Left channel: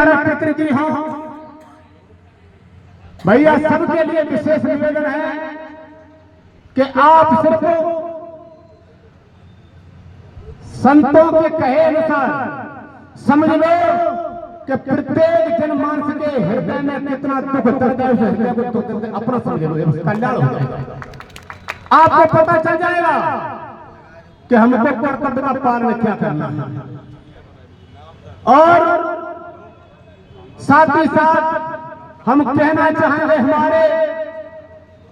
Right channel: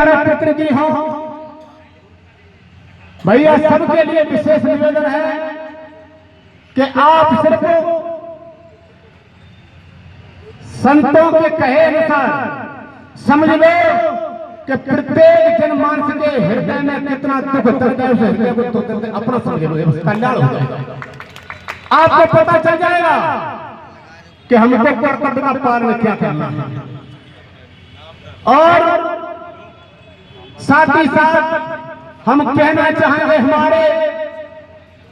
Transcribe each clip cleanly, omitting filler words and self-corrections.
पितृ जी हो भैया, सबके लिए विशेष निवेदन है कि आप सिर्फ संतों के कहे अनुसार समझ लो कि प्रत्येक जनमानस के हृदय में कितना दुख दर्द है, उस हृदय को दुख दर्द अपना समझ लो, कल्याण हो जाएगा। आपको पता चल जाएगा कि हमको कर्तव्य का पालन क्या करना है। और साथ ही साथ हम कहना चाहेंगे हमारे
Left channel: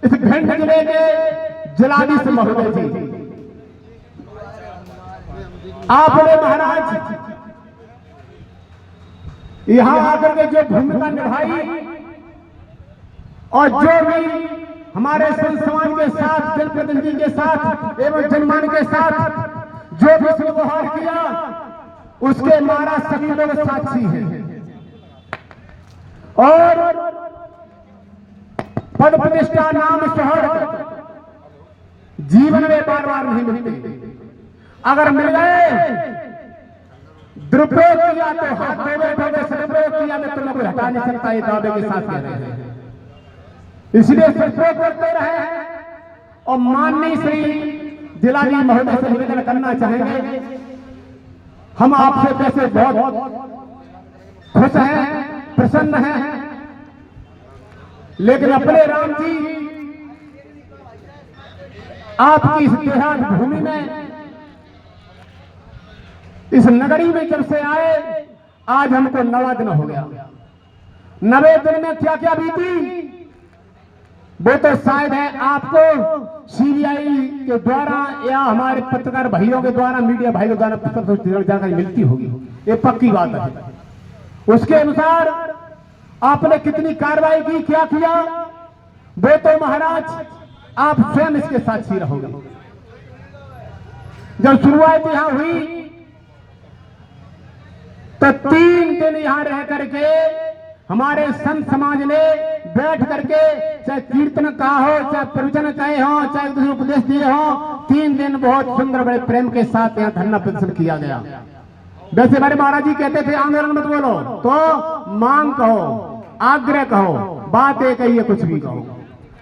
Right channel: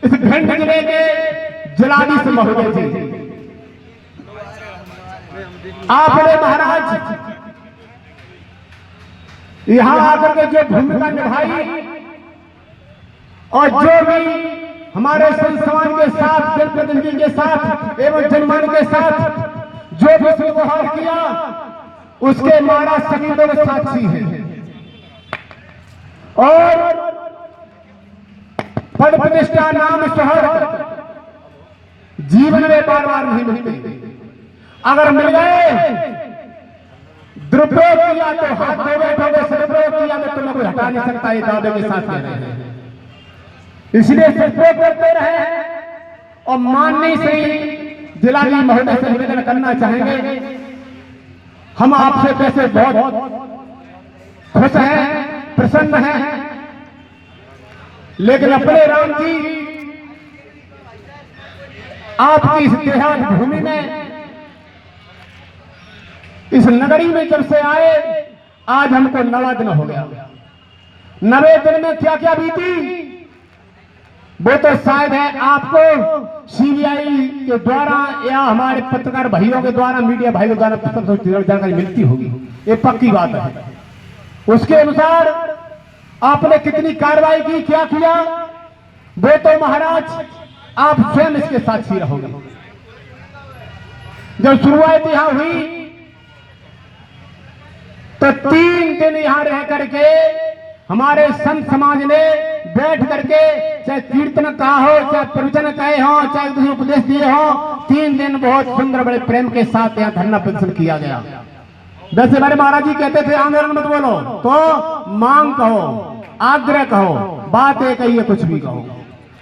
इस भिंड जिले के जिलाधीश महोदय जी, आपने महाराज यहां आकर के जो भूमिका निभाई और जो भी हमारे संत समाज के साथ, जनप्रतिनिधि के साथ एवं जनमान के साथ जो भी व्यवहार किया, उसके महाराज सभी लोग साक्षी हैं। और पद प्रतिष्ठा नाम शोहरत जीवन में बार बार नहीं मिलते, अगर मिल गए दुरुपयोग किया तो हाथ धो बैठोगे, सदुपयोग किया तो तुम्हें कोई हटा नहीं सकता, ये दावे के साथ कह रहे हैं। इसलिए सदुपयोग करते रहे। और माननीय श्री जिलाधीश महोदय से निवेदन करना चाहेंगे, हम आपसे वैसे बहुत खुश हैं, प्रसन्न हैं, लेकिन अपने राम जी आपकी इस देहात भूमि में, इस नगरी में जब से आए, आज हमको 9वां दिन हो गया। 9वें दिन में क्या क्या बीती वो तो शायद है आपको सीबीआई के द्वारा या हमारे पत्रकार भाइयों के द्वारा, मीडिया भाइयों द्वारा जानकारी मिलती होगी, ये पक्की बात है। उसके अनुसार आपने कितनी कार्रवाई की, क्या किया, वो तो महाराज आप स्वयं इसके साक्षी रहोगे। जब शुरुआत यहां हुई तो 3 दिन यहां रह करके हमारे संत समाज ने बैठ करके, चाहे कीर्तन कहा हो, चाहे प्रवचन कहे हो, चाहे दूसरे उपदेश दिए हो, 3 दिन बहुत सुंदर बड़े प्रेम के साथ यहाँ धरना प्रदर्शन किया गया। वैसे हमारे महाराज जी कहते थे आंदोलन मत बोलो, तो मांग कहो, आग्रह कहो, बात एक ही है, कुछ भी कहो,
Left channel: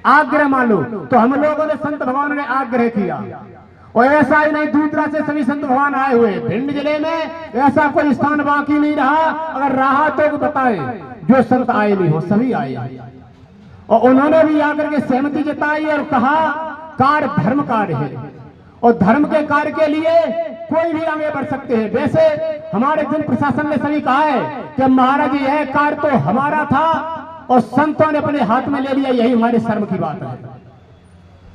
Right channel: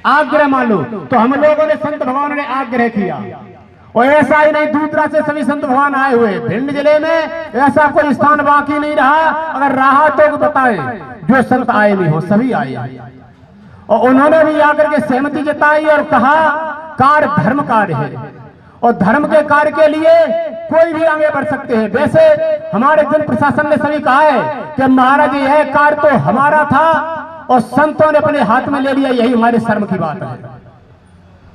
आग्रह मान लो। तो हम लोगों ने, संत भगवान ने आग्रह किया। और ऐसा ही नहीं, दूसरा से सभी संत भगवान आए हुए भिंड जिले में, ऐसा कोई स्थान बाकी नहीं रहा। अगर रहा तो बताए, जो संत आए नहीं हो, सभी आए। और उन्होंने भी आकर के सहमति जताई और कहा कार्य धर्म कार्य है, और धर्म के कार्य के लिए कोई भी आगे बढ़ सकते हैं। वैसे हमारे जन प्रशासन ने सभी कहा है कि महाराज यह कार्य तो हमारा था और संतों ने अपने हाथ में ले लिया, यही हमारे शर्म की बात है।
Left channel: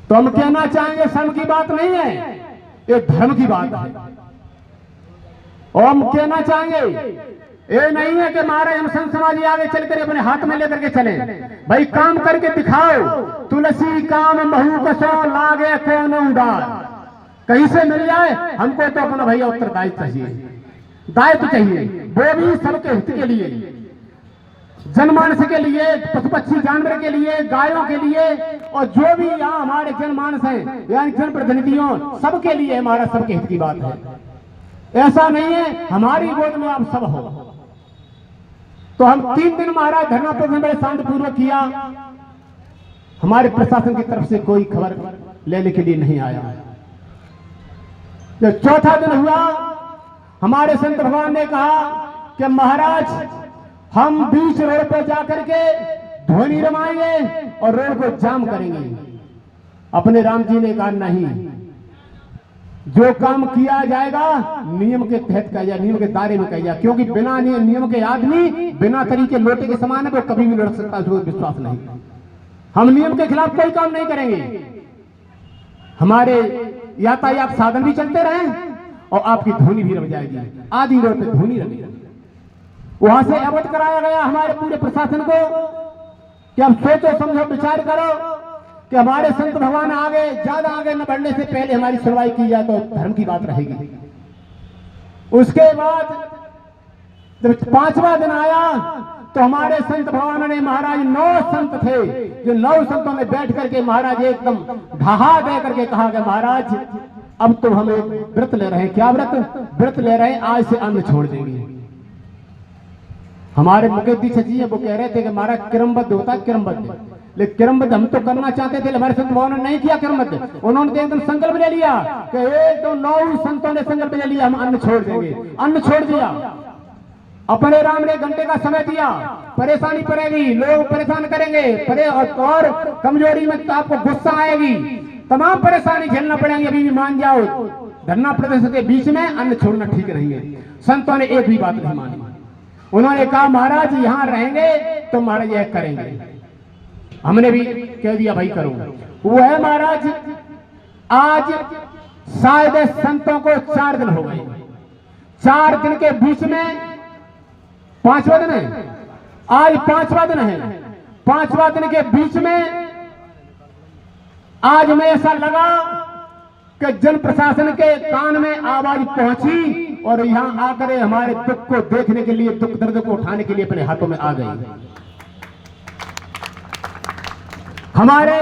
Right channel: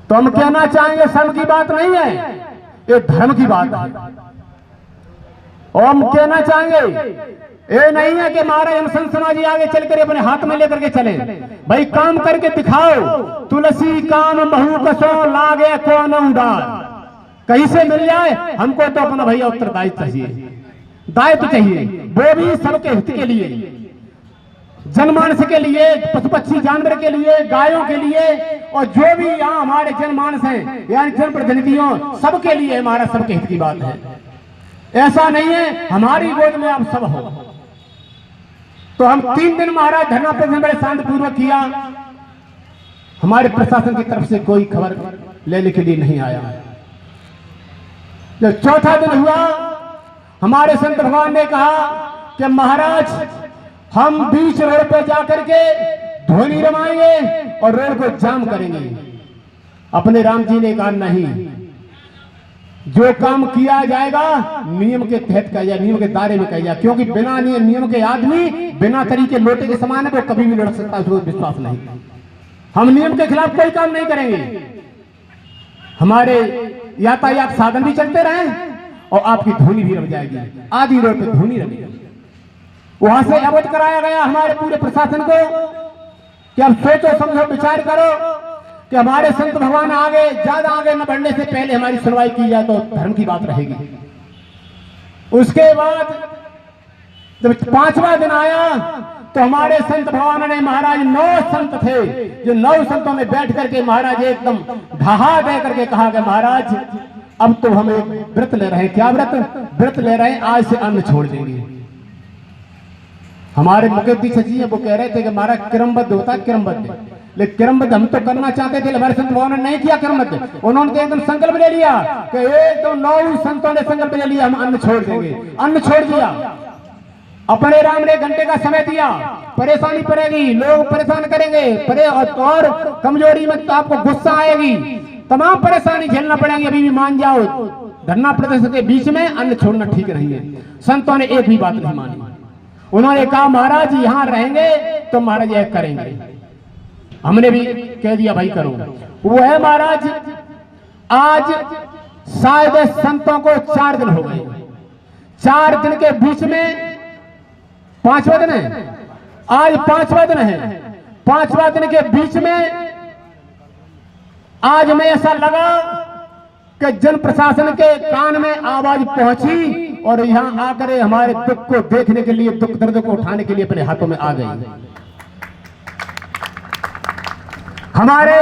तो हम कहना चाहेंगे शर्म की बात नहीं है, ये धर्म की बात है। और हम कहना चाहेंगे ये नहीं है कि महाराज हम संत समाज आगे चलकर अपने हाथ में लेकर के चले, भाई काम करके दिखाओ। तुलसी काम महू कसो लागे कौन उदार, कहीं से मिल जाए, हमको तो अपना भैया उत्तरदायित्व चाहिए, दायित्व चाहिए, वो भी सबके हित के लिए, जनमानस के लिए, पशु पक्षी जानवर के लिए, गायों के लिए, और जो भी यहाँ हमारे जनमानस हैं यानी जनप्रतिनिधियों, सबके लिए हमारा सबके हित की बात है। ऐसा नहीं है हमारी गोद में आप सब हो। तो हम 3 दिन महाराज धरना प्रदर्शन बड़े शांतिपूर्वक किया। हमारे प्रशासन की तरफ से कोई खबर लेने के लिए नहीं आया। जब 4था दिन हुआ, हमारे संत भगवान ने कहा कि महाराज हम बीच रोड पर जाकर के ध्वनि रमाएंगे और रोड को जाम करेंगे। अपने राम जी ने कहा नहीं, जो काम किया जाएगा नियम के तहत किया जाए, नियम के दायरे में किया जाए, क्योंकि बिना नियम के आदमी बिना तरीके लोटे के समान है, वो कभी भी लड़ सकता है, उसको विश्वास नहीं। हम नियम के खिलाफ कोई काम नहीं करेंगे। हमारे यातायात साधन भी चलते रहे और आपकी धुनी भी रह जाएगी, आधी रोड पे धुनी रही। वहां से अवगत कराया गया हमारे पूरे प्रशासन को कि अब सोचो समझो विचार करो कि हमारे संत भगवान आगे, ज्यादा आगे न बढ़ने से पहले हमारी सुनवाई की जाए तो धर्म की बात रहेगी। उसके बाद जब 5वां दिन आया तो हमारे संत भगवान ने, महाराज 9 संत थे, जो 9 संतों में बैठ करके महाराज एकदम ढहा दे करके कहा कि महाराज अब तो हम एक व्रत ले रहे हैं। क्या व्रत? व्रत ले रहे हैं, आज से अन्न छोड़ देंगे। हमारे मुकेश दीक्षित जी वो कह रहे थे कि हमारा क्रमबद्ध होता है, क्रमबद्ध, लेकिन क्रमबद्ध हम तो करना चाहते थे, हमारे संत भगवान ने नहीं किया क्रमबद्ध। उन्होंने तो एकदम संकल्प ले लिया कि एकदम 9 संतों ने संकल्प ले लिया, हम अन्न छोड़ देंगे, अन्न छोड़ दिया। अपने राम ने घंटे का समय दिया, परेशानी पड़ेगी, लोग परेशान करेंगे, और कमजोरी में तो आपको गुस्सा आएगी, तमाम परेशानी झेलना पड़ेगी, अभी भी मान जाओ, धरना प्रदर्शन के बीच में अन्न छोड़ना ठीक नहीं है। संतों ने एक भी बात नहीं मानी। उन्होंने कहा महाराज यहाँ रहेंगे तो महाराज यह करेंगे। हमने भी कह दिया भाई करो। वो है महाराज, आज शायद संतों को 4 दिन हो गए, 4 दिन के बीच में 5वां दिन है, आज 5वां दिन है, 5वां दिन के बीच में आज में ऐसा लगा कि जन प्रशासन के कान में आवाज पहुंची और यहां आकर हमारे दुख को देखने के लिए, दुख दर्द को उठाने के लिए अपने हाथों में आ गई। हमारे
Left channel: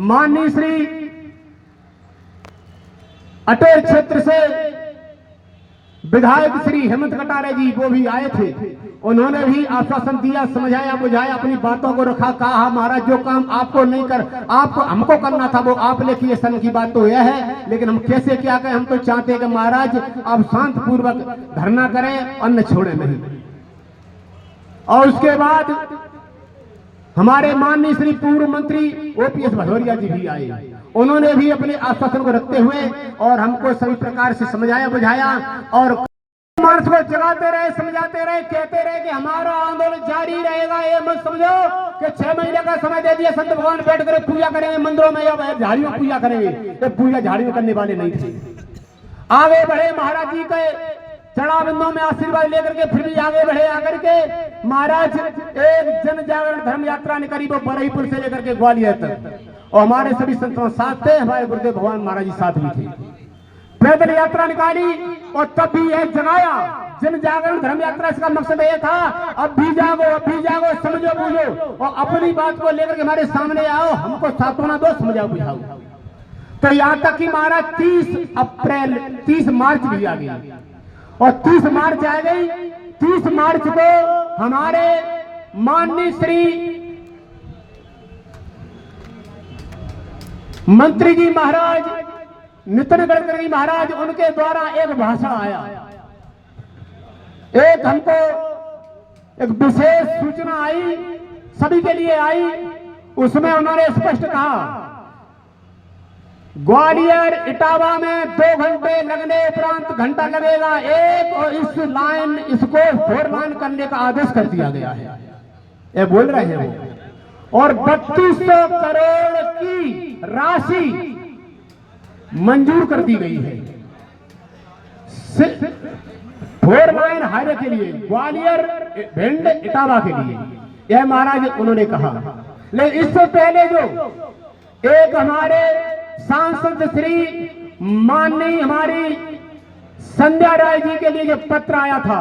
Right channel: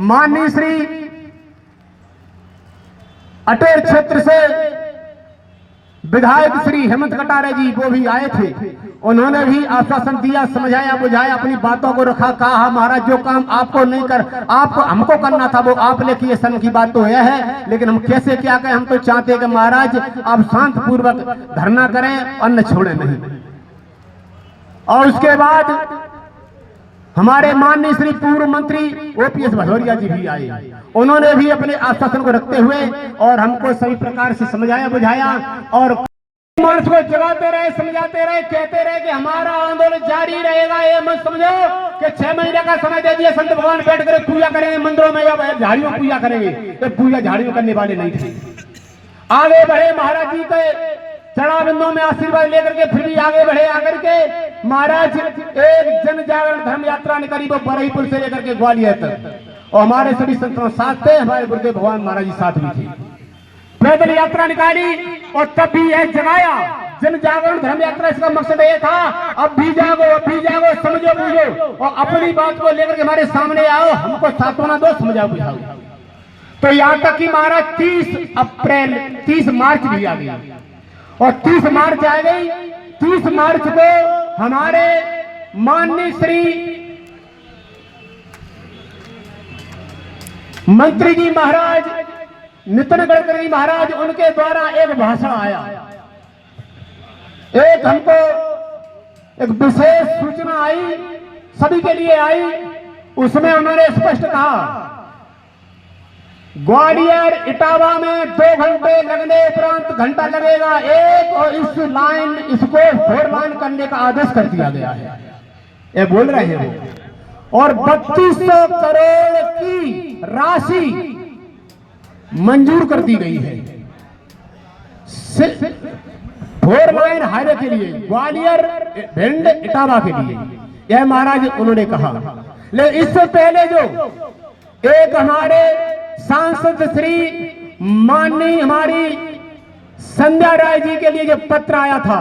माननीय श्री अटेर क्षेत्र से विधायक श्री हेमंत कटारे जी वो भी आए थे, उन्होंने भी आश्वासन दिया, समझाया बुझाया, अपनी बातों को रखा, कहा महाराज जो काम आपको नहीं कर, आपको हमको करना था वो आपने किए, सन की बात तो यह है, लेकिन हम कैसे क्या करें, हम तो चाहते हैं कि महाराज आप शांत पूर्वक धरना करें, अन्न छोड़े नहीं। और उसके बाद हमारे माननीय श्री पूर्व मंत्री ओपीएस भदौरिया जी भी आए, उन्होंने भी अपने आश्वासन को रखते हुए और हमको सभी प्रकार से समझाया बुझाया और मानस को जगाते रहे, समझाते रहे, कहते रहे कि हमारा आंदोलन जारी रहेगा। ये मत समझो कि 6 महीने का समय दे दिया, संत भगवान बैठ कर पूजा करेंगे मंदिरों में या झाड़ियों पूजा करेंगे, ये पूजा झाड़ियों करने वाले नहीं थे। आगे बढ़े महाराज जी के चढ़ाविंदों में आशीर्वाद लेकर के, फिर भी आगे बढ़े, आकर के महाराज एक जन जागरण धर्म यात्रा निकाली, वो बरईपुर से लेकर के ग्वालियर तक, और हमारे सभी संतों साथ थे, हमारे गुरुदेव भगवान महाराज जी साथ भी थे। पैदल यात्रा निकाली और तब भी यह जगाया जन जागरण धर्म यात्रा, इसका मकसद ये था अब भी जागो, अब भी जागो, समझो बूझो और अपनी बात को लेकर के हमारे सामने आओ, हमको सांत्वना दो, समझाओ बुझाओ। तो यहाँ तक कि महाराज 30 मार्च भी आ गया और 30 मार्च आ गई। 30 मार्च को हमारे माननीय श्री मंत्री जी महाराज नितिन गडकरी महाराज, उनके द्वारा एक भाषण आया, एक हमको एक विशेष सूचना आई, सभी के लिए आई। उसमें उन्होंने स्पष्ट कहा ग्वालियर इटावा में 2 घंटे लगने उपरांत घंटा लगेगा एक, और इसको 4 लाइन करने का आदेश कर दिया गया है, ये बोल रहे हैं। और 3200 करोड़ की राशि मंजूर कर दी गई है 4 लाइन हाईवे के लिए, ग्वालियर भिंड इटावा के लिए, यह महाराज उन्होंने कहा। लेकिन इससे पहले जो एक हमारे सांसद श्री माननीय हमारी संध्या राय जी के लिए जो पत्र आया था,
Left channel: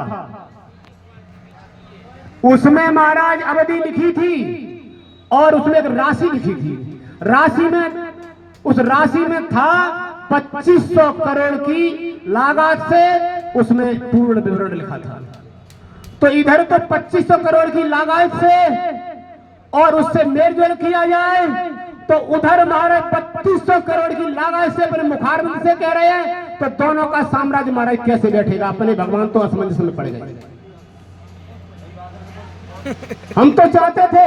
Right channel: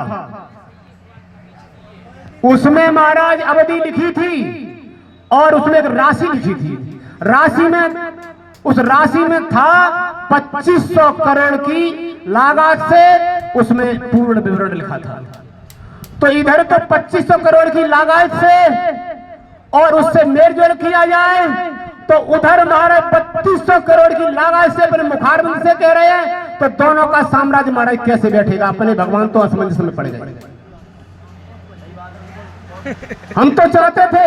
उसमें महाराज अवधि लिखी थी और उसमें एक राशि लिखी थी। राशि में, उस राशि में था 2500 करोड़ की लागत से, उसमें पूर्ण विवरण लिखा था। तो इधर तो 2500 करोड़ की लागत से और उससे मेलजोल किया जाए, तो उधर हमारे 3200 करोड़ की लागत से अपने मुखारबिंद से कह रहे हैं, तो दोनों का साम्राज्य महाराज कैसे बैठेगा? अपने भगवान तो असमंजस में पड़ गए। हम तो चाहते थे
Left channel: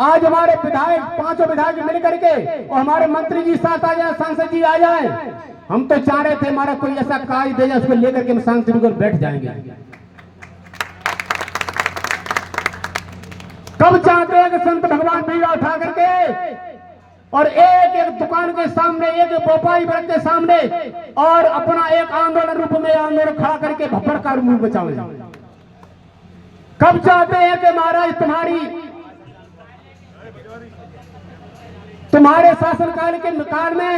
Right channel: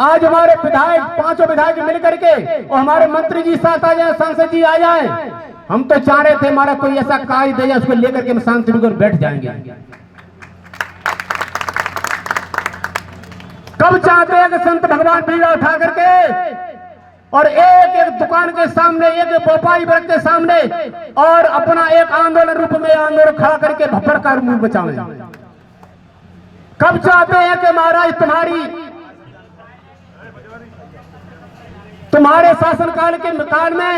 आज हमारे विधायक 5 विधायक मिलकर के और हमारे मंत्री जी साथ आ जाए, सांसद जी आ जाए, हम तो चाह रहे थे हमारा कोई ऐसा कार्य दे जाए, उसको लेकर के हम शांति होकर बैठ जाएंगे। कब चाहते हैं कि संत भगवान बीड़ा उठा करके और एक एक दुकान के सामने, एक व्यापारी वर्ग के सामने और अपना एक आंदोलन रूप में आंदोलन खड़ा करके भपड़ का मुंह बचावे? कब चाहते हैं कि महाराज तुम्हारे शासनकाल के काल में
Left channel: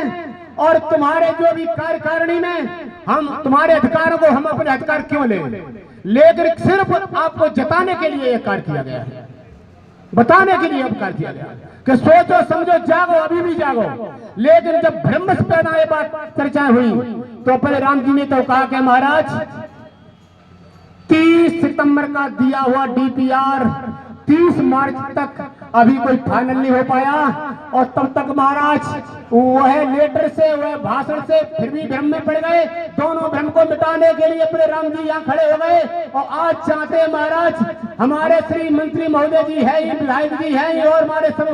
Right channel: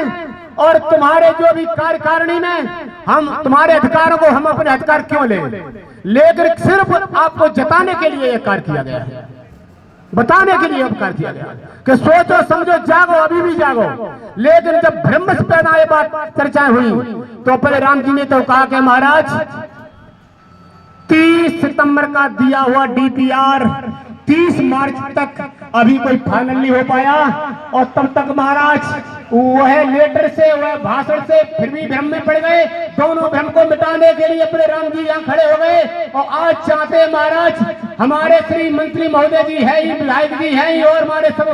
और तुम्हारे जो भी कार्यकारिणी में हम तुम्हारे अधिकारों को, हम अपने अधिकार क्यों लेकर सिर्फ आपको जताने के लिए यह कार्य किया गया है, बताने के लिए कार्य किया गया कि सोचो समझो जागो, अभी भी जागो। लेकिन जब ब्रह्म से पैदा ये बात चर्चाएं हुई तो पहले राम जी ने तो कहा कि महाराज 30 सितंबर का दिया हुआ DPR 30 मार्च तक अभी कोई फाइनल नहीं हो पाया, और तब तक महाराज वह लेटर से वह भाषण से फिर भी भ्रम में पड़ गए। दोनों भ्रम को मिटाने के लिए अपने राम जी यहाँ खड़े हो गए, और आज चाहते हैं महाराज हमारे श्री मंत्री महोदय जी है, विधायक जी है, और हमारे सब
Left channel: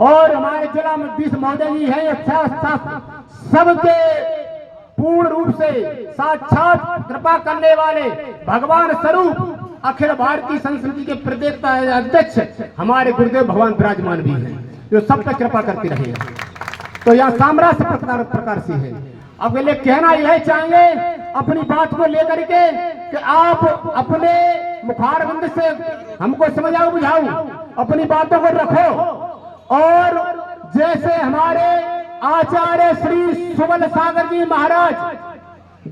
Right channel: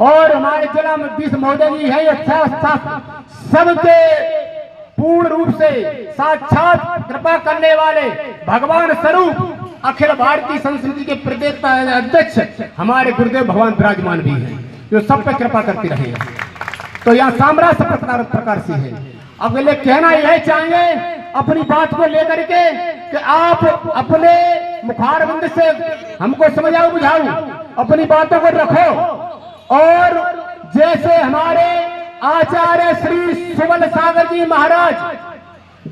और हमारे जिला मध्यस्थ महोदय जी है, सबके पूर्ण रूप से साक्षात कृपा करने वाले भगवान स्वरूप अखिल भारतीय संस्कृति के प्रदेश अध्यक्ष हमारे गुरुदेव भगवान विराजमान भी हैं, जो सब पे कृपा करते रहे। तो यहाँ सामराज्य प्रकार से है। अगले कहना यह चाहेंगे अपनी बात को लेकर के कि आप अपने मुखारबंद से हमको समझाओ बुझाओ, अपनी बातों को रखो, और जैसे हमारे आचार्य श्री सुबल सागर जी महाराज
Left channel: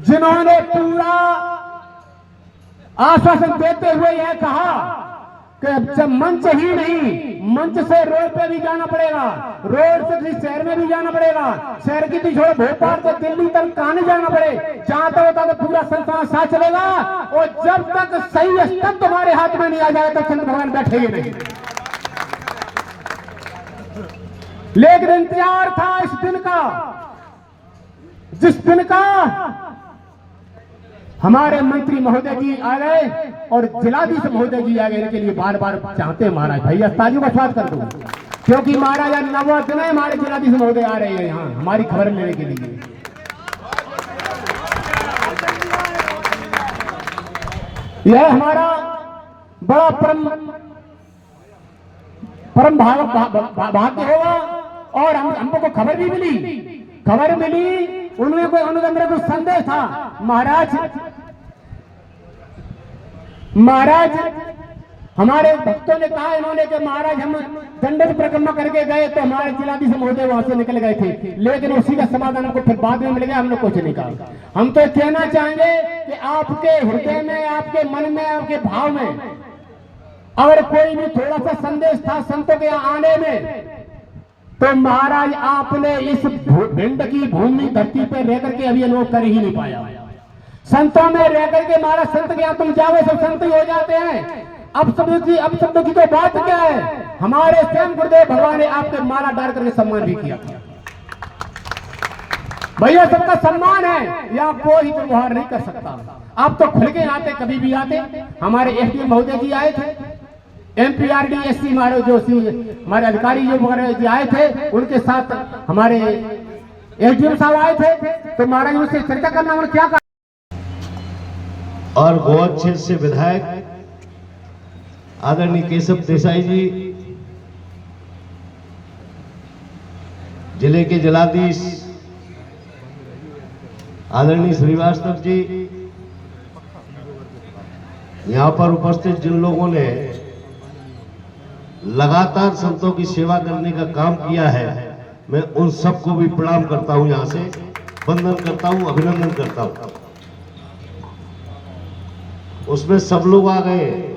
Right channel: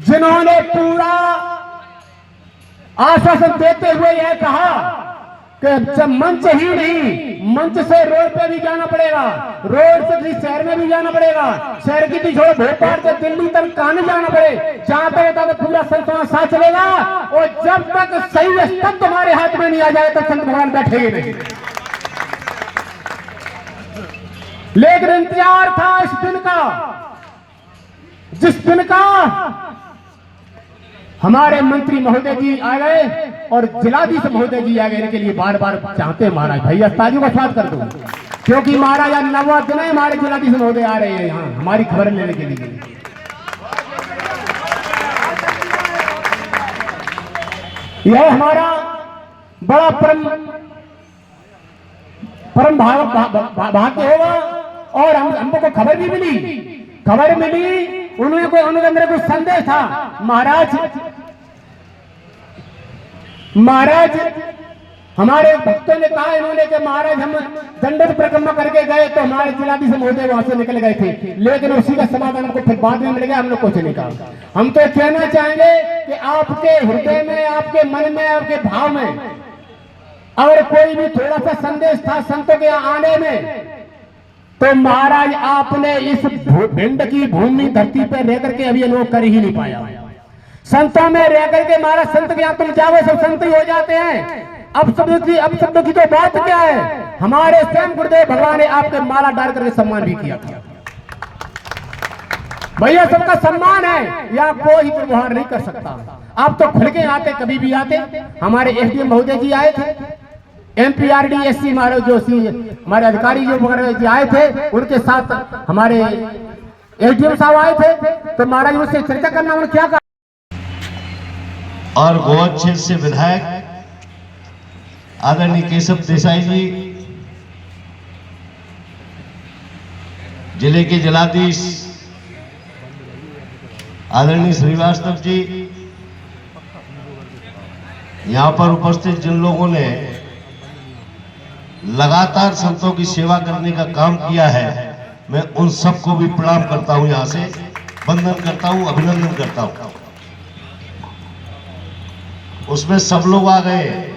जिन्होंने पूरा आश्वासन देते हुए यह कहा कि जब मंच ही नहीं, मंच से रोड पे भी जाना पड़ेगा, रोड से किसी शहर में भी जाना पड़ेगा, शहर की भी छोड़ भोपाल से दिल्ली तक कहां नहीं जाना पड़े, चाहता होता तो पूरा संत साथ चलेगा, और जब तक सही स्तर तुम्हारे हाथ में नहीं आ जाए तो संत भगवान बैठेंगे नहीं। लेकिन इंतजार था इस दिन का, जिस दिन का हमारे मंत्री महोदय जी आ गए और जिलाधीश महोदय जी आ गए, इनके लिए बार बार चाहते हैं महाराज भैया तालियों का स्वागत कर दो, क्योंकि महाराज आज नवा दिन है, हमारे जिलाधीश महोदय आ रहे हैं यहाँ हमारी खबर लेने के लिए। यह हमारा बड़ा परम भाग्य होगा, और हमको खबर भी मिली, उनके अंदर कुछ संदेश था। महाराज हमारे भक्तों ने कहा इन्होंने कि महाराज हम दंडक परिक्रमा करके गए तो हमारे जिलाधीश महोदय वहां से निकल गए थे, लेकिन उसी का समाधान हमको फिर बाद में मिल गया, हमने कुछ नहीं कहा। हम तो कहना चाहेंगे कि आपके हृदय में, आपके मन में, आपके भाव में अगर कोई भी थोड़ा सा संदेश था संतों के आने में, तो महाराज आपने इस भिंड की भूमि धरती पर रह करके अभी अनुभव कर ही नहीं पाया। संतों में रह करके महाराज संत क्या तुम जाओ सब संत ही हो जाते हैं। अब शब्द की तो बात क्या है, हमारे स्वयं गुरुदेव भगवान ने आपके माला डाल करके सम्मान भी किया था। भैया सबका सम्मान है, या कोई व्यवहार नहीं कर सकता। आप तो खुल के आते, कभी भी आते। हमारे एसडीएम महोदय जी आए थे, MPRDSC हमारे जो हमारे अधिकारी जो वगैरह आए थे, उनके साथ हमारे एसडीएम साहब आए थे, तो महाराज उससे चर्चा करना उन्होंने क्या कहा। और बहुत अच्छे से विधायक आदरणीय केशव देसाई जी, जिले के जिलाधीश आदरणीय श्रीवास्तव जी, यहाँ पर उपस्थित जिन लोगों ने लगातार संतों की सेवा करने का काम किया है, मैं उन सबको भी प्रणाम करता हूं, यहाँ से वंदन करता हूं, अभिनंदन करता हूं। उसमें सब लोग आ गए।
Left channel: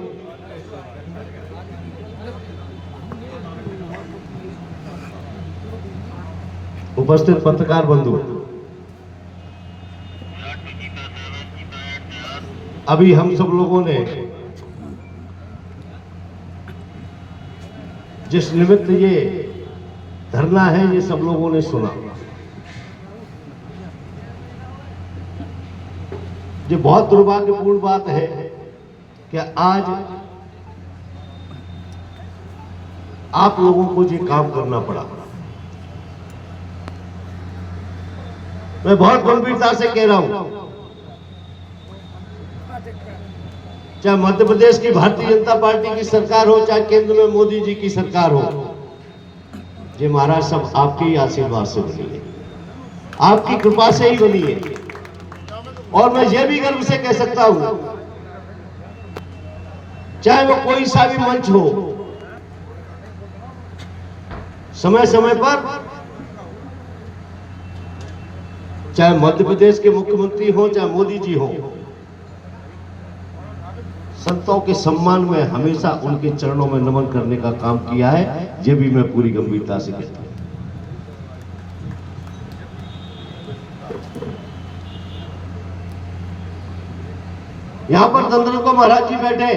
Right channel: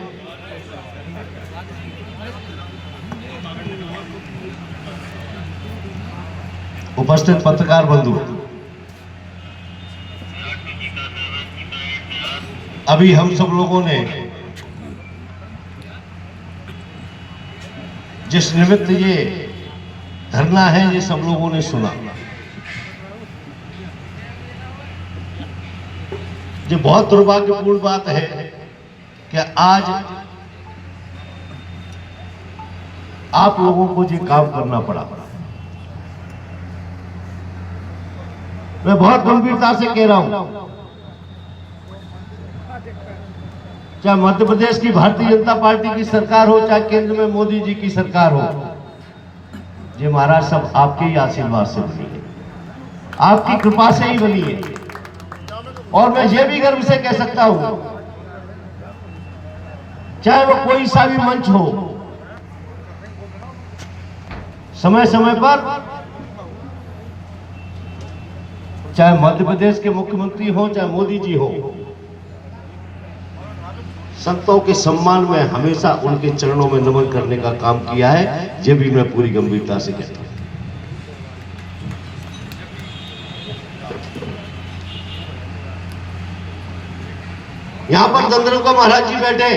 उपस्थित पत्रकार बंधु, अभी हम सब लोगों ने जिस निमित्त ये धरना है, ये सब लोगों ने सुना। जो बहुत दुर्भाग्यपूर्ण बात है कि आज आप लोगों को ये काम करना पड़ा। मैं बहुत गंभीरता से कह रहा हूं, चाहे मध्य प्रदेश की भारतीय जनता पार्टी की सरकार हो, चाहे केंद्र में मोदी जी की सरकार हो, ये महाराज सब आपके ही आशीर्वाद से बनी है, आपकी कृपा से ही बनी है। और मैं ये भी गर्व से कह सकता हूं, चाहे वो कोई सा भी मंच हो, समय समय पर चाहे मध्य प्रदेश के मुख्यमंत्री हो, चाहे मोदी जी हो, संतों के सम्मान में हमेशा उनके चरणों में नमन करने का काम किया है। ये भी मैं पूरी गंभीरता से कहता हूं। यहां पर दंदरका महाराज जी बैठे,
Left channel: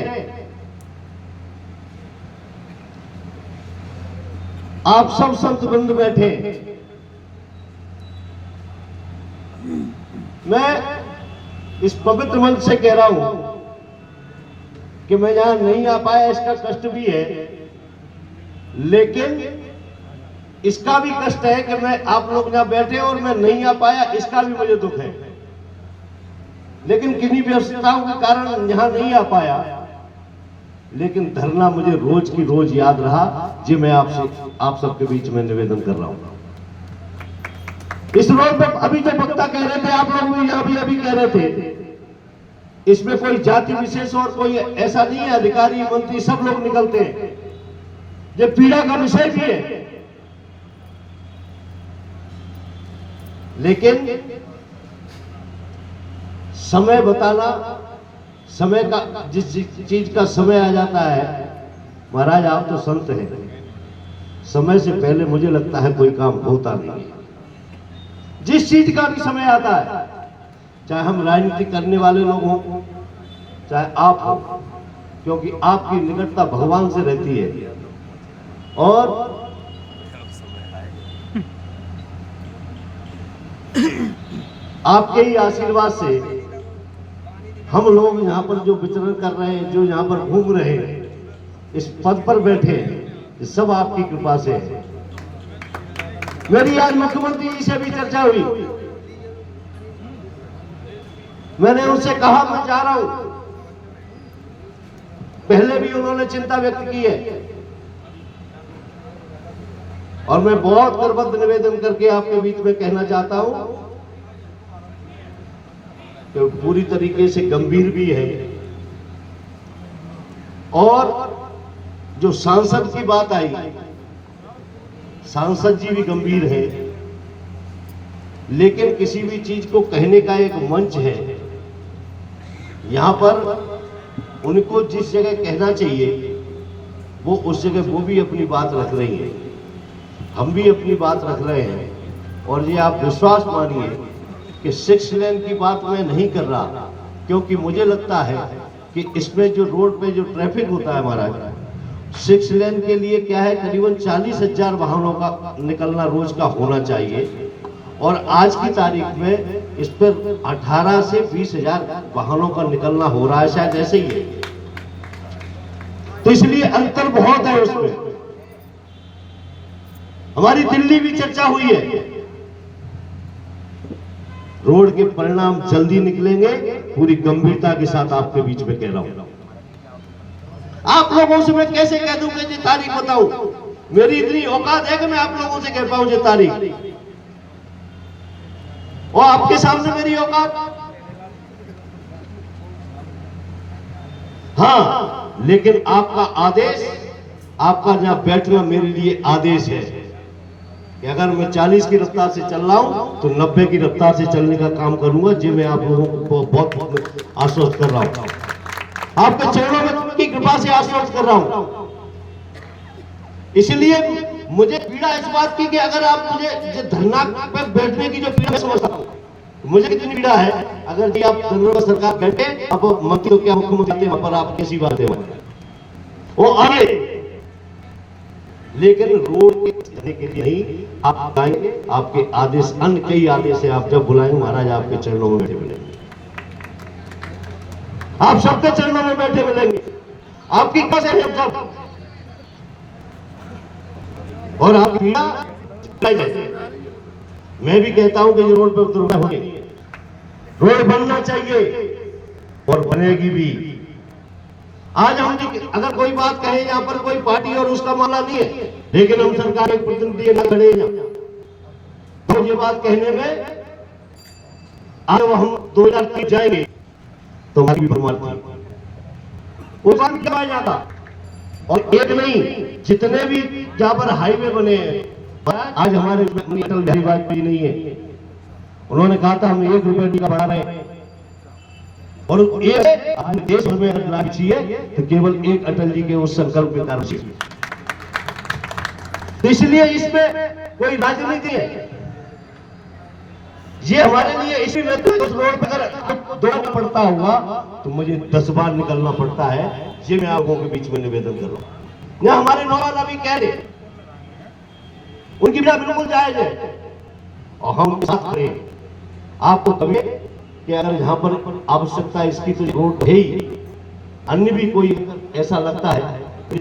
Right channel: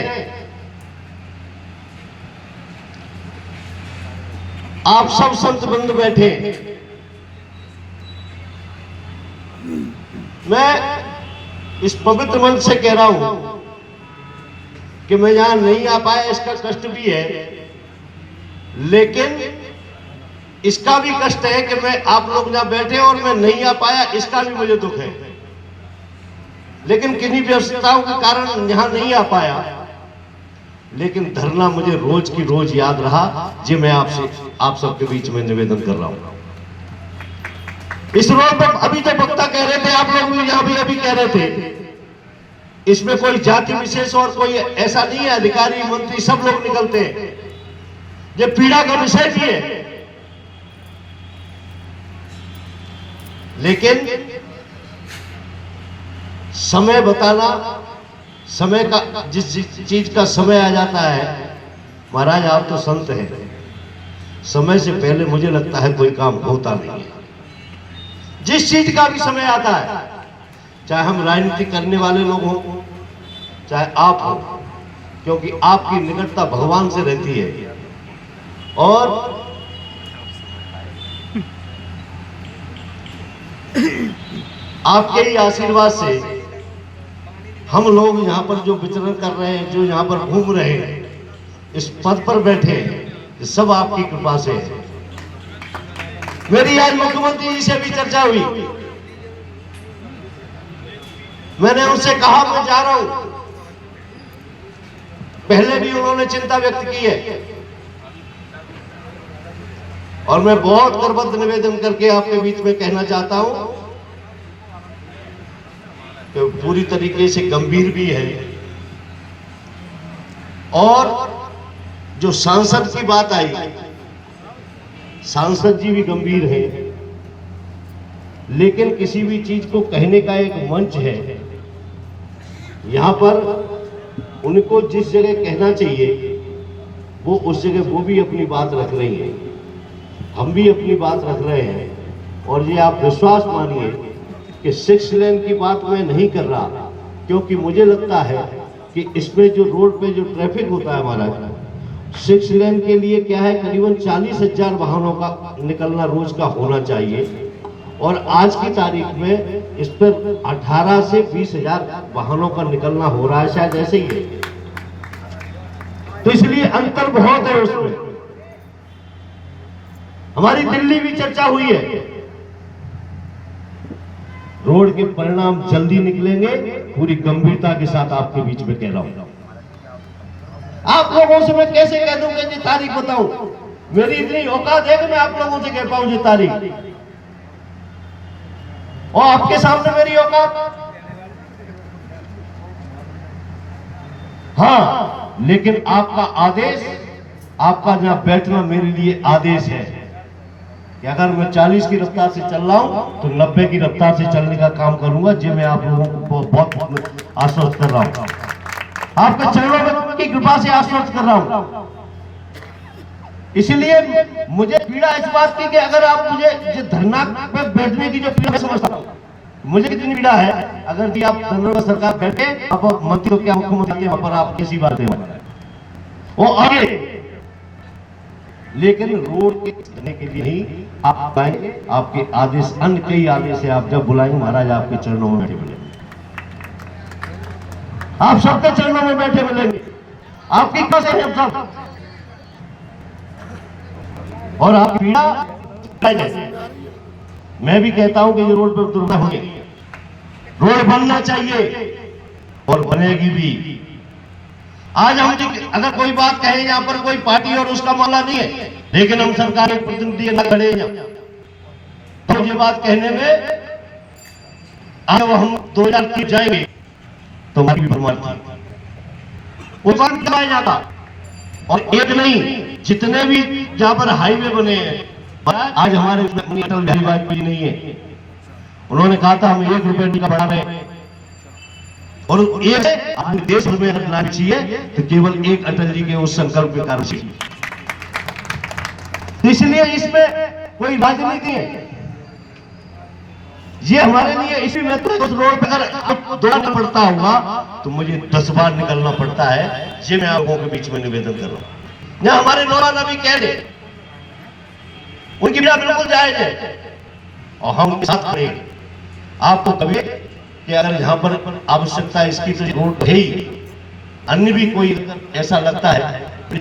आप सब संत बंधु बैठे। मैं इस पवित्र मंच से कह रहा हूं कि मैं यहां नहीं आ पाया, इसका कष्ट भी है, लेकिन इसका भी कष्ट है कि मैं आप लोग यहां बैठे और मैं नहीं आ पाया, इसका भी मुझे दुख है। लेकिन किन्हीं व्यस्तताओं के कारण यहां नहीं आ पाया, लेकिन धरना मुझे रोज की रोज याद रहा। जी मैं आप सबके बीच में निवेदन कर रहा हूं। इस रोड पर अभी जो वक्ता कह रहे थे, आप लोग भी यहां भी अभी कह रहे थे, इसमें कोई जाति विशेष और कोई ऐसा नहीं है, अधिकारी मंत्री सब लोग निकलते हैं। ये पीड़ा का विषय भी है, लेकिन समय बताना, समय का जिस चीज का समय आ जाता है, महाराज आप तो संत हैं, समय से पहले मुझे लगता है कोई काम होता नहीं है। जिस चीज का भी समय आता है, चाहे हम राजनीति करने वाले लोग हों, चाहे आप हो, क्योंकि आपकी निकटता भगवान से रहती है और आपके ही आशीर्वाद से हम लोग यहाँ पर जो विचरण कर रहे हैं, जो यहाँ पर घूम रहे हैं, इस पद पर बैठे हैं, ये सब आपकी कृपा से है। मेरी आज मुख्यमंत्री जी से भी चर्चा हुई, मैंने उनसे कहा मैं जा रहा हूं, पहले भी उन्होंने चिंता व्यक्त की है और मैं बहुत करबद्ध निवेदन करके आपके बीच में कहना चाहता हूं कि पूरी तरीके से गंभीर भी है। और जो सांसद की बात आई, सांसद जी भी गंभीर है, लेकिन किसी भी चीज को कहने का एक मंच है। यहां पर उनको जिस जगह कहना चाहिए वो उस जगह वो भी अपनी बात रख रही है, हम भी अपनी बात रख रहे हैं। और ये आप विश्वास मानिए कि 6 लेन की बात मैं नहीं कर रहा, क्योंकि मुझे लगता है कि इसमें जो रोड पे जो ट्रैफिक होता है महाराज, 6 लेन के लिए क्या है, करीबन 40,000 वाहनों का निकलना रोज का होना चाहिए, और आज की तारीख में इस पर 18 से 20,000 वाहनों का निकलना हो रहा है, शायद ऐसे ही है। तो इसलिए अंतर बहुत है उसमें। हमारी दिल्ली भी चर्चा हुई है, रोड के परिणाम जल्दी निकलेंगे, पूरी गंभीरता के साथ आपके बीच में कह रहा हूं। आप लोगों से मैं कैसे कह दूंगा ये तारीख बताऊं, मेरी इतनी औकात है कि मैं आप लोगों से कह पाऊं ये तारीख, और आपके सामने मेरी औकात। हाँ, लेकिन आपका आदेश, आपका जहां बैठना मेरे लिए आदेश है कि अगर मैं 40 की रफ्तार से चल रहा हूं तो 90 की रफ्तार से चलने का काम करूंगा। जी मैं आप लोगों को बहुत आश्वस्त कर रहा हूं, आपके चरणों में की कृपा से आश्वस्त कर रहा हूं। इसलिए मुझे पीड़ा इस बात की कि अगर आप मुझे धरना पे बैठने की जो पीड़ा समझता हूं, मुझे कितनी पीड़ा है, अगर जी आप दंगल सरकार बैठे, आप मंत्री हो क्या मुख्यमंत्री, वहां पर आप कैसी बात है वो आगे, लेकिन रोड के लिए नहीं, आप आएंगे, आपके आदेश, अन्य कई आदेश है, आप जब बुलाएंगे महाराज आपके चरणों में बैठे मिलेंगे, आप सबके चरणों में बैठे मिलेंगे, आपकी कैसे है सब, और आप पीड़ा जैसे मैं भी कहता हूं कि ये रोड पर दुर्घटना होगी, रोड बनना चाहिए और बनेगी भी। आज हम अगर कोई बात कहें, यहाँ पर कोई पार्टी और उसका मामला नहीं है, लेकिन हम सरकार के प्रतिनिधि न खड़े हैं, तो ये बात कहने में अब हम 2030 जाएंगे तो हमारी बर्बादी वो बंद करवाया जाता। और एक नहीं, जितने भी जहां पर हाईवे बने हैं, आज हमारे अटल बिहारी वाजपेयी नहीं है, उन्होंने कहा था हम 1 रुपये का बढ़ा रहे हैं, और एक देश में लाना चाहिए तो केवल एक अटल जी के उस संकल्प के कारण से। इसलिए इसमें कोई राजनीति है, ये हमारे लिए इसी में तो उस रोड पर अगर दौड़ना पड़ता होगा तो मुझे 10 बार निकलना पड़ता है। ये मैं आप लोगों के बीच में निवेदन कर रहा हूं। यहाँ हमारे नौजवान अभी कह रहे, उनकी बात बिल्कुल जायज है और हम उनके साथ खड़े हैं। आपको कभी कि अगर यहाँ पर आवश्यकता इसकी तो रोड है ही, अन्य भी कोई ऐसा लगता है तो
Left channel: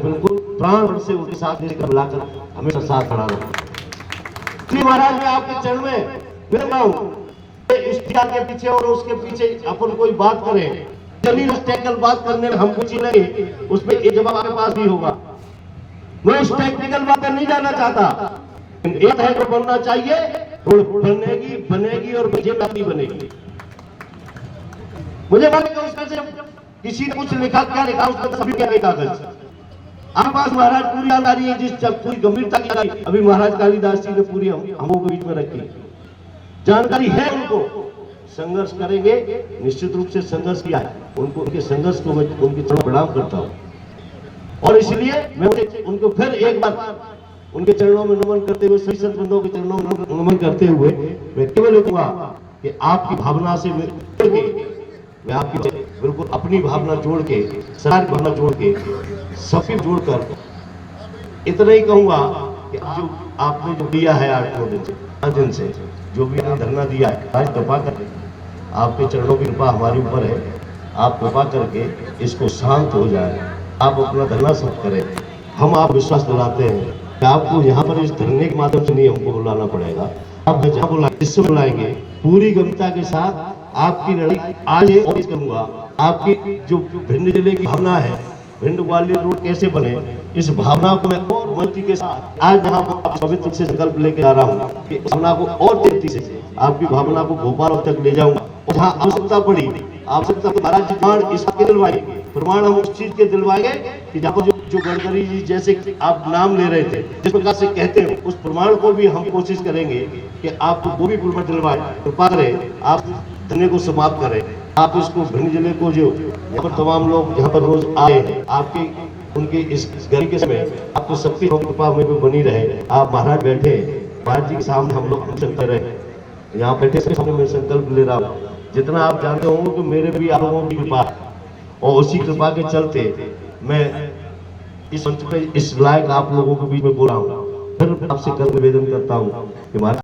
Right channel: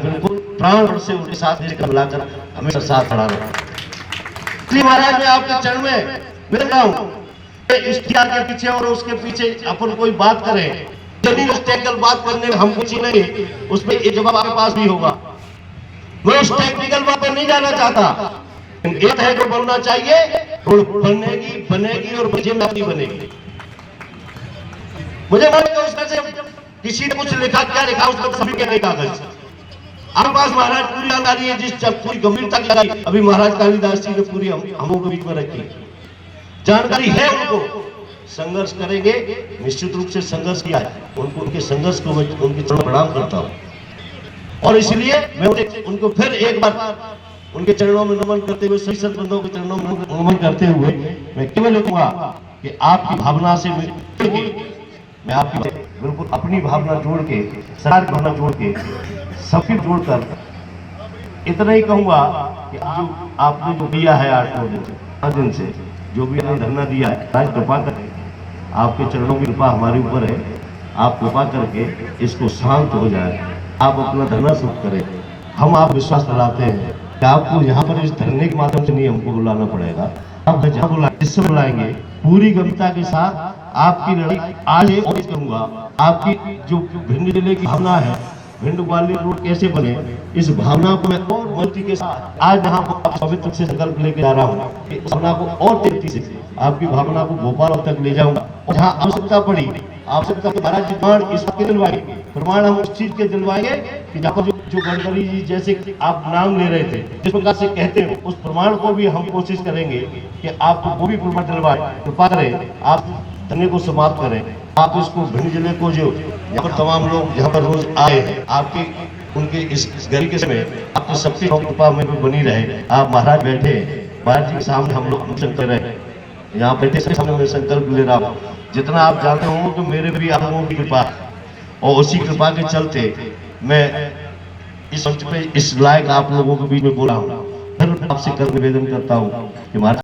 बिल्कुल प्राण से उनके साथ मिलाकर हमेशा साथ खड़ा रहा। इसलिए महाराज मैं आपके चरण में विनम्र हूं, इश्तिहार के पीछे और उसके पीछे अपन कोई बात करें, टेक्निकल बात करने में हम कुछ नहीं, उसमें एक जवाब आपके पास भी होगा। मैं उस टेक्निकल बात पर नहीं जाना चाहता। एक है तो बनना चाहिए, रोड बनेगी और बजेगी बनेगी। मुझे मालूम उसमें से किसी ने कुछ लिखा, क्या लिखा उसको सभी क्या लिखा कागज आपके पास महाराज पूरी जानकारी है, जिस पूरी गंभीरता की अभी महाराज कालिदास जी ने पूरी हम के बीच में रखी जानकारी है। उनको संघर्ष करेंगे, निश्चित रूप से संघर्ष किया है, उनको उनके संघर्ष को उनके चरणों प्रणाम करता हूं और इसलिए मैं उनको फिर एक बार उनके चरणों में नमन करते हुए, सभी संत बंधुओं के चरणों में नमन करते हुए मैं केवल कहूंगा कि आपकी भावना से मैं आपकी बिल्कुल अपनी भावना जोड़ के, सरकार की भावना जोड़ के, सभी जोड़कर इतना ही कहूंगा कि जो आपने जो दिया है 8 दिन से जो भी आपने धरना दिया है, आज कृपा करके आपके चरणों की कृपा हमारे ऊपर है, आप कृपा करके इसको शांत हो जाए, आप अपना धरना शुरू करें। हम आप विश्वास दिलाते हैं कि आपको यहाँ पर इस धरने के माध्यम से नहीं हमको बुलाना पड़ेगा, आप जहाँ बुलाएंगे इससे बुलाएंगे पूरी गंभीरता के साथ। आपकी लड़ाई आज और करूंगा, आपकी जो भिंड जिले की भावना है, भिंड ग्वालियर रोड कैसे बने, इस भावना को मैं और मजबूती के साथ आज यहाँ पर पवित्र से संकल्प लेके जा रहा हूँ कि इस भावना को और तेजी से आपकी भावना को भोपाल तक ले जाऊंगा और जहाँ आवश्यकता पड़ी, आवश्यकता के महाराज प्रमाण इसके दिलवाएंगे, प्रमाण हम उस चीज के दिलवाएंगे कि जहाँ पर जो गडकरी जी जैसे आप नाम ले रहे थे, जिस प्रकार से कहते हैं, उस प्रमाण को भी हम कोशिश करेंगे कि आपको वो भी प्रमाण दिलवाए, कृपा करें आप धरने को समाप्त करें। आप इसको भिंड जिले को जो यहाँ पर तमाम लोग यहाँ पर रोज आए हैं, आपके उनके इस गर्मी के समय आपकी सबकी कृपा में भी बनी रहे। आप महाराज बैठे, महाराज जी के सामने हम लोग चलते रहे, यहाँ बैठे से सामने मैं संकल्प ले रहा हूँ, जितना आप जानते हो कि मेरे भी आप लोगों की कृपा और उसी कृपा के चलते मैं इस मंच पे इस लायक आप लोगों के बीच में बोला हूँ। फिर आपसे कर निवेदन करता हूँ कि महाराज